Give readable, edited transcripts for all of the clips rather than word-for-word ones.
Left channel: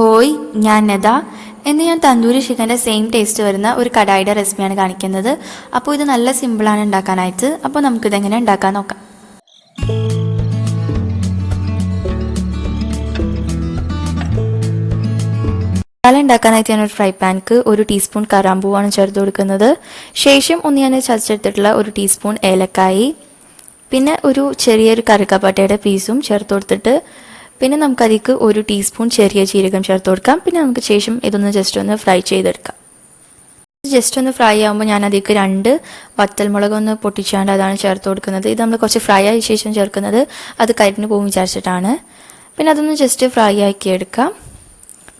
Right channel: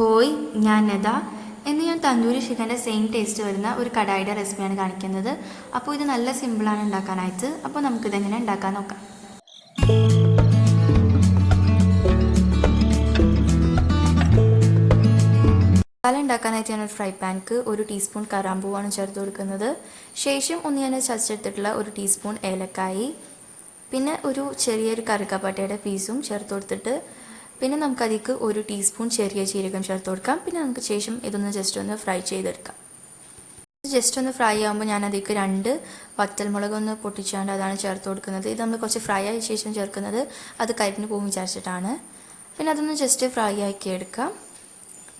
ഹോയ് ഞാൻ നദ. ഇന്ന് ഞാൻ തന്തൂരി ചിക്കൻ്റെ സെയിം ടേസ്റ്റ് വരുന്ന ഒരു കടായിയുടെ റെസിപ്പിയാണ് കാണിക്കുന്നത്. അപ്പോൾ ഇത് നല്ല സിമ്പിളാണ് ഉണ്ടാക്കാനായിട്ട്. അപ്പോൾ നമുക്കിതെങ്ങനെ ഉണ്ടാക്കാൻ നോക്കാം. മസാല ഉണ്ടാക്കാനായിട്ട് ഞാനൊരു ഫ്രൈ പാനിക്ക് 1 ടീസ്പൂൺ കറാമ്പൂവാണ് ചേർത്ത് കൊടുക്കുന്നത്. ശേഷം ഞാൻ ചതച്ചെടുത്തിട്ടുള്ള 1 ടീസ്പൂൺ ഏലക്കായി, പിന്നെ ഒരു ചെറിയൊരു കറുകപ്പട്ടയുടെ പീസും ചേർത്ത് കൊടുത്തിട്ട് പിന്നെ നമുക്കതിലേക്ക് 1 ടീസ്പൂൺ ചെറിയ ജീരകം ചേർത്ത് കൊടുക്കാം. പിന്നെ നമുക്ക് ശേഷം ഇതൊന്ന് ജസ്റ്റ് ഒന്ന് ഫ്രൈ ചെയ്തെടുക്കാം. ജസ്റ്റ് ഒന്ന് ഫ്രൈ ആകുമ്പോൾ ഞാൻ അതിലേക്ക് 2 വറ്റൽമുളക് ഒന്ന് പൊട്ടിച്ചാണ്ട് അതാണ് ചേർത്ത് കൊടുക്കുന്നത്. ഇത് നമ്മൾ കുറച്ച് ഫ്രൈ ആയ ശേഷം ചേർക്കുന്നത് അത് കരിഞ്ഞു പോകും വിചാരിച്ചിട്ടാണ്. പിന്നെ അതൊന്ന് ജസ്റ്റ് ഫ്രൈ ആക്കി എടുക്കാം.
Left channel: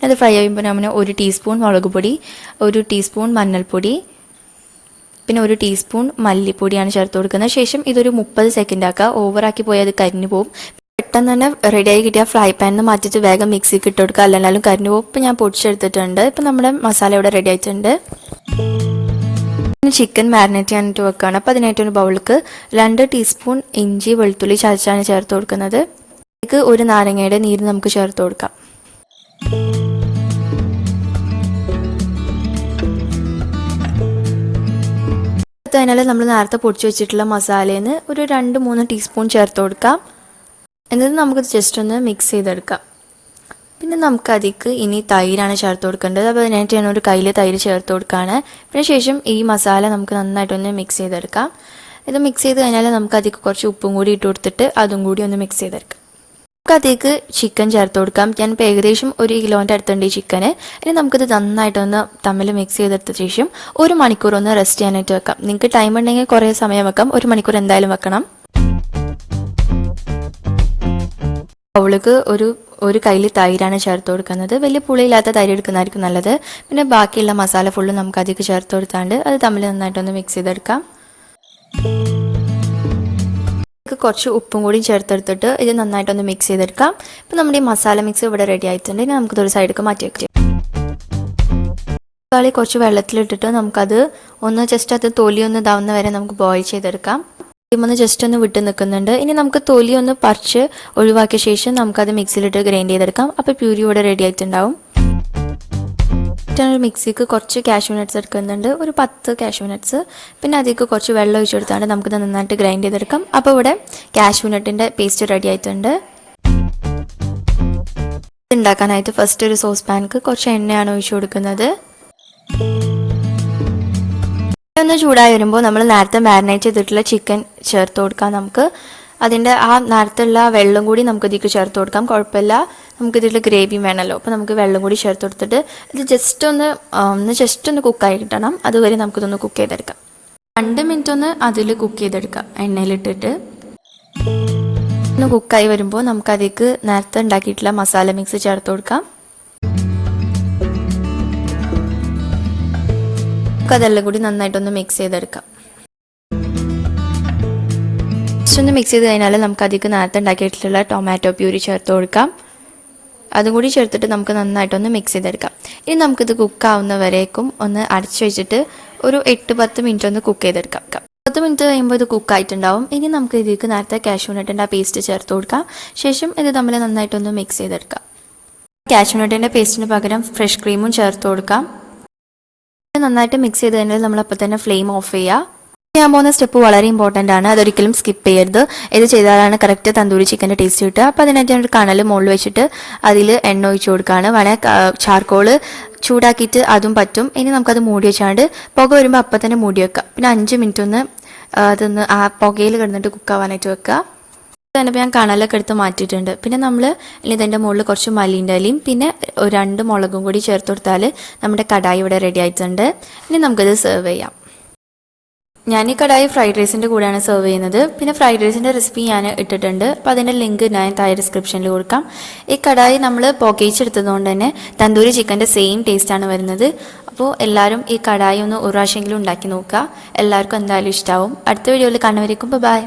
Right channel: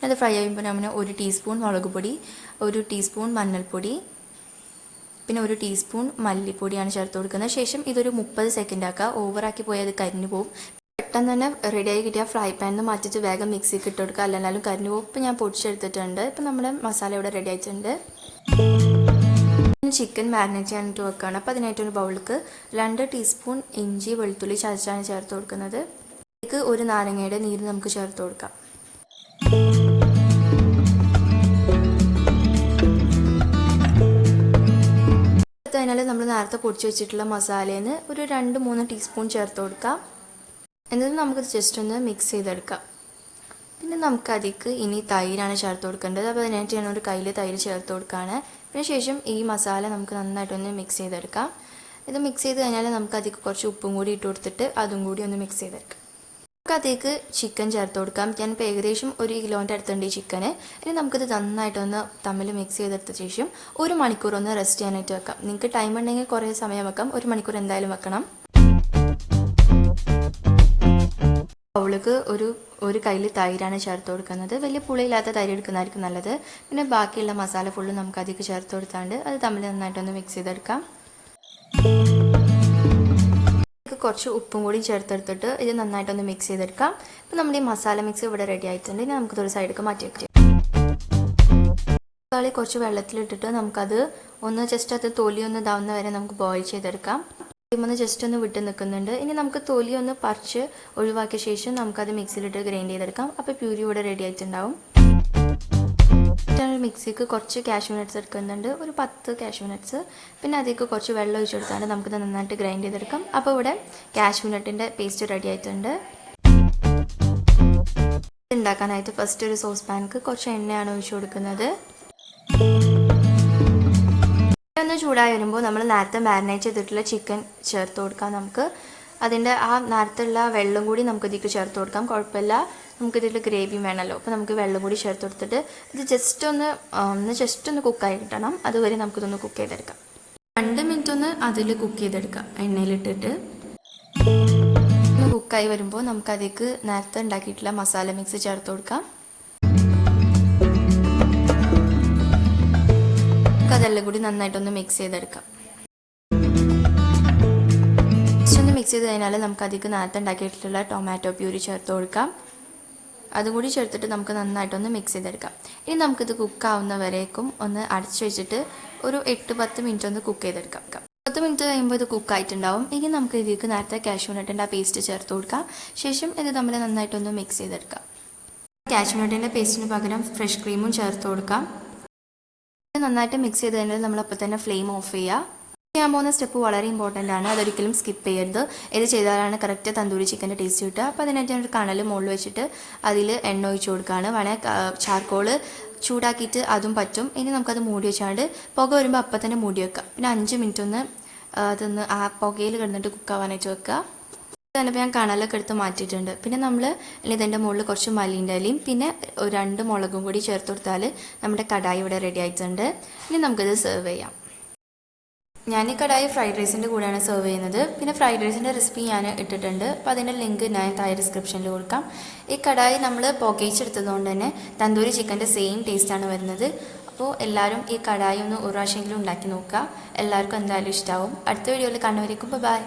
അത് ഫ്രൈ ആകുമ്പോൾ നമ്മൾ 1 ടീസ്പൂൺ മുളക് പൊടി, 1 ടീസ്പൂൺ മഞ്ഞൾപ്പൊടി, പിന്നെ 1 ടീസ്പൂൺ മല്ലിപ്പൊടിയാണ് ചേർത്ത് കൊടുക്കുന്നത്. ശേഷം ഇതൊരു 30 സെക്കൻഡ് ആക്കുക. ഓവറാക്കി പോയാൽ അത് കരിഞ്ഞു പോകും. പെട്ടെന്ന് തന്നെ റെഡിയായി കിട്ടിയ ഫ്രൈ പാനിൽ മാറ്റിയിട്ട് വേഗം മിക്സിക്ക് ഇട്ട് കൊടുക്കുക, അല്ലെന്നാലും കരിഞ്ഞു പോകും. ഇപ്പം ഞാൻ പൊടിച്ചെടുത്തിട്ടുണ്ട്. ഇപ്പം നമ്മുടെ മസാല ഇവിടെ റെഡി ആയിട്ടുണ്ട്. ചിക്കൻ മാരിനേറ്റ് ചെയ്യാനായിട്ട് വെക്കുകയാണ്. അപ്പോൾ അതിനായിട്ട് ഒരു ബൗളിലേക്ക് 2 ടീസ്പൂൺ ഇഞ്ചി വെളുത്തുള്ളി ചതച്ചാണ് ചേർത്ത് കൊടുക്കുന്നത്. ഇതിലേക്ക് 1 നാരങ്ങയുടെ നീര് നമുക്ക് ചേർത്ത് കൊടുക്കാം. അതിനാല് നമ്മൾ നേരത്തെ പൊടിച്ച് വെച്ചിട്ടുള്ള മസാലയിൽ നിന്ന് ഒരു 2-3 ടീസ്പൂൺ ചേർത്ത് കൊടുക്കാം. എന്നിട്ട് നമുക്കത് ജസ്റ്റ് ഒന്ന് മിക്സ് ചെയ്തെടുക്കാം. പിന്നെ നമുക്കതിലേക്ക് ഇനി തൈരാണ് ചേർത്ത് കൊടുക്കേണ്ടത്. അപ്പോൾ അതിനായിട്ട് ഞാൻ ഒരു കയ്യിൽ തൈര് ചേർത്ത് കൊടുക്കുകയാണ്. പിന്നെ ശേഷം ഈ മസാല നമുക്ക് നന്നായിട്ടൊന്ന് മിക്സ് ചെയ്തെടുക്കാം. ഇത് മിക്സ് ചെയ്ത് കഴിഞ്ഞാൽ നമുക്കതിലേക്ക് കുറച്ച് ഉപ്പും കൂടി ഇട്ട് കൊടുത്തിട്ട് അതും കൂടി ഒന്ന് മിക്സ് ചെയ്തെടുക്കാം. നമുക്കതിലേക്ക് ചിക്കൻ ചേർത്ത് കൊടുക്കാം. ഞാൻ ഇപ്പോൾ ഏകദേശം 1 കിലോൻ്റെ അടുത്തുണ്ട് ഈ ചിക്കന്. ഇനി നമുക്കിത് നന്നായിട്ടൊന്ന് തമ്മിൽ മിക്സ് ചെയ്തെടുത്ത ശേഷം 1 മണിക്കൂർ ഒന്ന് റെസ്റ്റ് ചെയ്യാനായിട്ട് വെക്കാം. നിങ്ങൾക്ക് ടൈം ഉണ്ടെങ്കിൽ കുറേ സമയം വെക്കാം. 1 മണിക്കൂർ എന്തായാലും വെക്കണം. ബൗളിലേക്ക് ഒരു കയ്യിൽ തൈരാണ് ചേർത്ത് കൊടുക്കുന്നത്. വലിയ പുളിയില്ലാത്ത തൈര് എടുക്കുന്നതായിരിക്കും നല്ലത്. പിന്നെ ബാക്കിയുള്ള മസാല ഫുള്ള് നമുക്ക് അതിലേക്ക് ചേർത്ത് കൊടുത്താണ്ട് അത് തമ്മിൽ നന്നായിട്ടൊന്ന് മിക്സ് ചെയ്തെടുക്കാം. കുറച്ച് ഉപ്പും കൂടി ചേർത്തെടുത്തിട്ട് ഇത് നന്നായിട്ടൊന്ന് മിക്സ് ചെയ്തെടുക്കാം. ഇപ്പം നമ്മുടെ ഈ മസാല മിക്സ് ഇവിടെ റെഡി ആയിട്ടുണ്ട്. ഇനി നമുക്കിതൊരു സൈഡിലേക്ക് മാറ്റി വയ്ക്കാം. തക്കാളി കുറച്ച് വെള്ളത്തിലിട്ടിട്ട് നമുക്കത് ഒന്ന് ജസ്റ്റ് അത് തൊലി ഒന്ന് ഇതാവുന്ന വരെ നമുക്ക് ബോയിൽ ചെയ്തെടുക്കാം. ഒന്ന് ജസ്റ്റ് ഒന്ന് വിട്ട് നിൽക്കുന്നുണ്ട്. ഇനി നമുക്ക് തൊലി ഒന്ന് പറിച്ച് ഒഴിവാക്കിയ ശേഷം നമുക്കത് മിക്സിയിലിട്ട് ഗ്രൈൻഡ് ചെയ്തെടുക്കാം. അപ്പോൾ പ്യൂരി ഇവിടെ റെഡി ആയിട്ടുണ്ടാവും. മിക്സിക്ക് കുറച്ച് കാഷ്യൂനട്ട്സ് എടുക്കുന്നുണ്ട്, ഒരു 10 കാഷ്യൂനട്ട്സ്. പിന്നെ അതിലേക്ക് കുറച്ച് വെള്ളം ഒഴിച്ച് കൊടുത്താണ്ട് നമുക്കിത് നന്നായിട്ട് ഗ്രൈൻഡ് ചെയ്തെടുക്കാം. അപ്പോൾ ഇവിടെ കാഷ്യൂനട്ടിൻ്റെ പേസ്റ്റ് റെഡി ആയിട്ടുണ്ട്. ഉണ്ടാക്കാനായിട്ട് ഫസ്റ്റ് ഒരു സോസ് പാനിക്ക് കുറച്ച് എണ്ണയാണ് ഒഴിച്ച് കൊടുക്കുന്നത്. ഒന്ന് ചൂടായി വരുമ്പോൾ നമ്മൾ നേരത്തെ മാരിനേറ്റ് ചെയ്തിട്ടുള്ള ചിക്കൻ ചേർത്ത് കൊടുക്കാം. നമുക്ക് അതിൻ്റെ ആ നേരത്തുള്ള വെള്ളം കൂടി നമുക്ക് ഇതിലേക്ക് ചേർത്ത് കൊടുക്കാം. കുഴപ്പമില്ല, നമുക്കിതിൽ ഗ്രേവി വേണമല്ലോ. അപ്പോൾ നമുക്ക് വെള്ളം കൂടി ചേർത്ത് കൊടുത്തിട്ട് ഇത് ജസ്റ്റ് ഒന്ന് കുക്കായി കിട്ടണം. അതുവരെ നമുക്കിതൊന്ന് കുക്ക് ചെയ്തെടുക്കാം. 2 മിനിറ്റ് ഒന്ന് അതിൽ കുക്ക് ചെയ്തെടുക്കാം എണ്ണയിലിട്ടിട്ട്. ഒന്ന് കുക്കായി വരുമ്പോൾ നമുക്കതിലേക്ക് നേരത്തെ ഉണ്ടാക്കിയിട്ടുള്ള മസാല മിക്സ് ചേർത്ത് കൊടുക്കാം. അതെല്ലാം കൂടി നന്നായിട്ടൊന്ന് മിക്സ് ചെയ്തെടുക്കാം. ജസ്റ്റ് ഒന്ന് മിക്സ് ചെയ്ത് കഴിഞ്ഞാൽ നമുക്ക് അതിലേക്ക് നേരത്തെ ഉണ്ടാക്കിയിട്ടുള്ള ടൊമാറ്റോ പ്യൂരി ചേർത്ത് കൊടുക്കാം. അതും കൂടി ചേർത്തിട്ട് നമുക്ക് നന്നായിട്ടൊന്ന് മിക്സ് ചെയ്തെടുക്കാം. ഇനി നമുക്കിത് കുക്കാവുന്നവരേക്കും ഒന്ന് അടച്ചു വെച്ചിട്ട് ഒരു 8-10 മിനിറ്റ് ഒന്ന് കുക്ക് ചെയ്തെടുക്കാം. 10 മിനിറ്റ് കഴിയുമ്പോൾ ഇത് കുക്കായിട്ടുണ്ടാവും. ഇനി നമുക്ക് ഇതിലേക്ക് നേരത്തെ കാഷ്യൂനട്ടിൻ്റെ ആ പേസ്റ്റ് ചേർത്ത് കൊടുക്കാം. ശേഷം ഇത് തമ്മിൽ നന്നായിട്ടൊന്ന് മിക്സ് ചെയ്തെടുക്കാം. കാഷ്യൂനട്ടിൻ്റെ പേസ്റ്റിന് പകരം ഫ്രഷ് ക്രീമും ചേർത്ത് കൊടുക്കാം. നന്നായിട്ട് മിക്സ് ചെയ്ത് കഴിഞ്ഞാൽ നമ്മളപ്പോൾ തന്നെ ഫ്ലെയിം ഓഫ് ചെയ്യുക. ചെയ്യാൻ പോകുന്ന സ്റ്റെപ്പ് വളരെ ഇമ്പോർട്ടൻ്റ് ആണ്. അതൊരിക്കലും സ്കിപ്പ് ചെയ്യരുത്. ഇത് ചെയ്താലാണ് കറക്റ്റ് തന്തൂരി ചിക്കൻ്റെ ടേസ്റ്റ് കിട്ടുക. അപ്പോൾ അതിനായിട്ട് ഞാനൊരു കണൽ മുകളിൽ വെച്ചിട്ട് അതിൽ എണ്ണ ഒഴിച്ച് കൊടുക്കുകയാണ്. വേണമെങ്കിൽ ചാർക്കോള് ചൂടാക്കിയിട്ട് അതും പറ്റും. ഇനി നമുക്കത് മൂടി വെച്ചാണ്ട് പുക വരുമ്പോൾ അപ്പം തന്നെ മൂടി വെക്കാം. പിന്നെ 5 മിനിറ്റ് ഒന്ന് അതൊന്ന് ആ പുകയിൽ കിടന്നിട്ട് കുക്കാവാനായിട്ട് വെക്കുക. തന്നെ ഞാൻ കണലൊക്കെ എടുത്ത് മാറ്റിയിട്ടുണ്ട്. പിന്നെ നമ്മൾ ഇതിൻ്റെ മുകളിൽ കുറച്ച് മല്ലിൻ്റെ ഇലയും പിന്നെ 2 മുളകും കൂടി ചേർത്ത് കൊടുത്താൽ നമ്മുടെ കടായി ഇവിടെ റെഡി ആയിട്ടുണ്ട്. ഇനി നമുക്കിത് സെർവ് ചെയ്യാം. ഞാൻ ഈ കടായി ഫ്രൈഡ് റൈസിൻ്റെ കൂടെയാണ് സെർവ് ചെയ്യുന്നത്. പിന്നെ ഫ്രൈഡ് റൈസിൻ്റെ റെസിപ്പി ഞാൻ ഇട്ടിട്ടുണ്ട്. അപ്പോൾ അതിൻ്റെ ലിങ്ക് ഞാൻ താഴെ ഡിസ്ക്രിപ്ഷനിൽ കൊടുക്കാം. ഈ കടായി നമ്മൾ പുകയിച്ചെടുത്തതുകൊണ്ട് തന്നെ തന്തൂരി ചിക്കൻ്റെ സെയിം ടേസ്റ്റാണ് വരുന്നത്. അപ്പോൾ എല്ലാവരും ഈ കടായി ഒന്ന് ഒരു പ്രാവശ്യമെങ്കിലും ഉണ്ടാക്കി നോക്കുക. എല്ലാവർക്കും എന്തായാലും ഇഷ്ടമാവും. അടുത്ത വീഡിയോയിൽ കാണുന്നവരേക്കും ബൈ.